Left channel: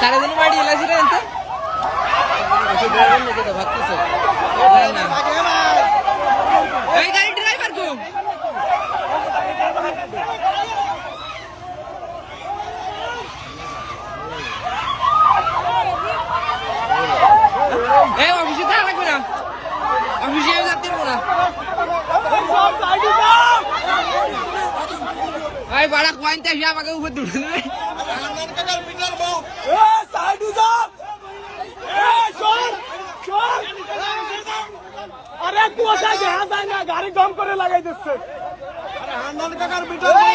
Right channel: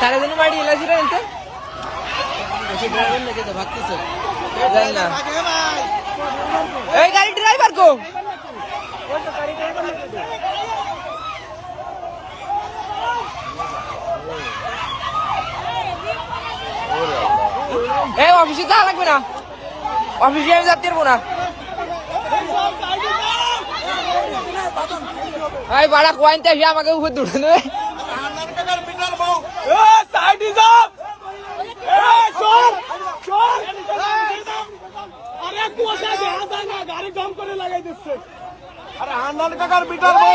সাড়ে দিন বাড়ি এলাছি রে এতে ভাবতেছে এই গাড়ি ড্রাইভার কো এই অফিসে থাকা লাগবে না অফিসে আমি যাতে পারবো না এই বাড়া পয়েন্ট আসি আমাকে উপর দূরে নেবে গাড়ি দম করে লাগাই দিচ্ছে আরে হান্নান কাকার বিটার